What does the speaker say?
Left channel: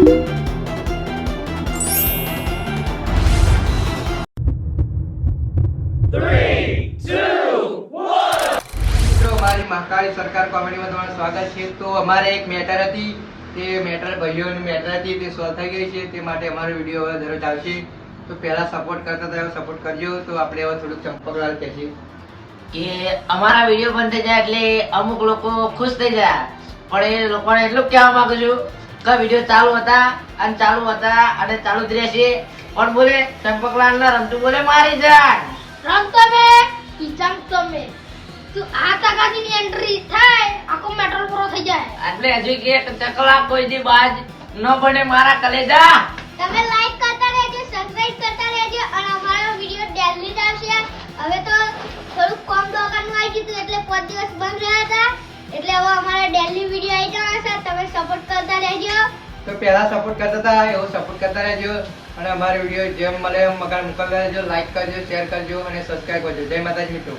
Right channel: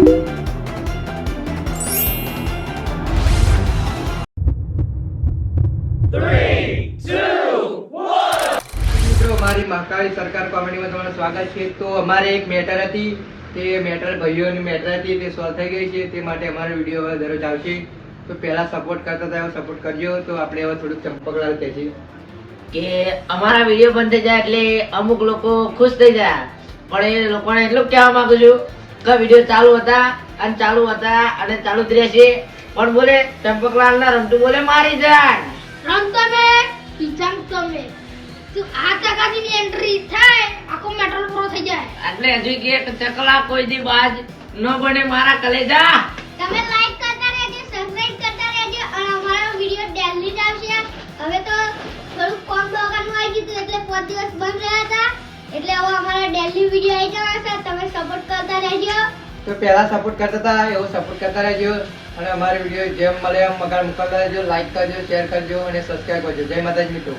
મારી મહાકાળી સરકાર કોમેડીમાં તમારું સ્વાગત છે. તો અમારે એક મેટર હતી, તે મેટર ભાઈઓની મેટર હતી, તે સોલ્વ થઈ ગઈ છે. તે માટે અમારો વિડીયો હવે દરરોજ આવશે. તો પહેલા સપોર્ટ કરતા હતા એવો સપોર્ટ કરજો. તો આપણે હવે થોડુંક ચંપકલાલ કહેશે કે અમારા વિડીયો બંધ થઈ જાય એટલે અમુક લોકો ખુશ થઈ જાય, પણ એ લોકોને એટલું કહેવા માંગુ છું કે વિડીયો ચાલુ હતા અને ચાલુ જ રહેશે. પણ બોલે ચંપકલાલ ના રમતું બોલે મારી જાન રમતો ને ઈજામ તમે તું આ કાકાની એન્ટ્રી થાય આખો મેટર પૂરો થઈ જાય. એટલે હજુ કે ચકલા કોઈ દી બાજ ન બને મારા કલેજા. તમે લાઈક કરતા રહેજો, સબસ્ક્રાઇબ કરતા રહેજો અને અમારો વિડિયો ડેલી જ આવશે. હવે તો થોડું કોમ દોકાનનું આવી ગયું એટલે 5 દિવસ બંધ રહ્યા હતા, એટલે હવે અમારો ડેલી વિડિયો આવી જવાનો છે. તમે સપોર્ટ કરતા રહેજો. તો પહેલા સપોર્ટ કરતા હતા એવો સપોર્ટ કરતા રહેજો. અને અમારો વિડીયો જેમ મળે એમ મગાડ મોકલતા રહેજો. લાઈક કરજો, શેર કરજો અને સબસ્ક્રાઈબ કરજો. જય માતાજી મિત્રો.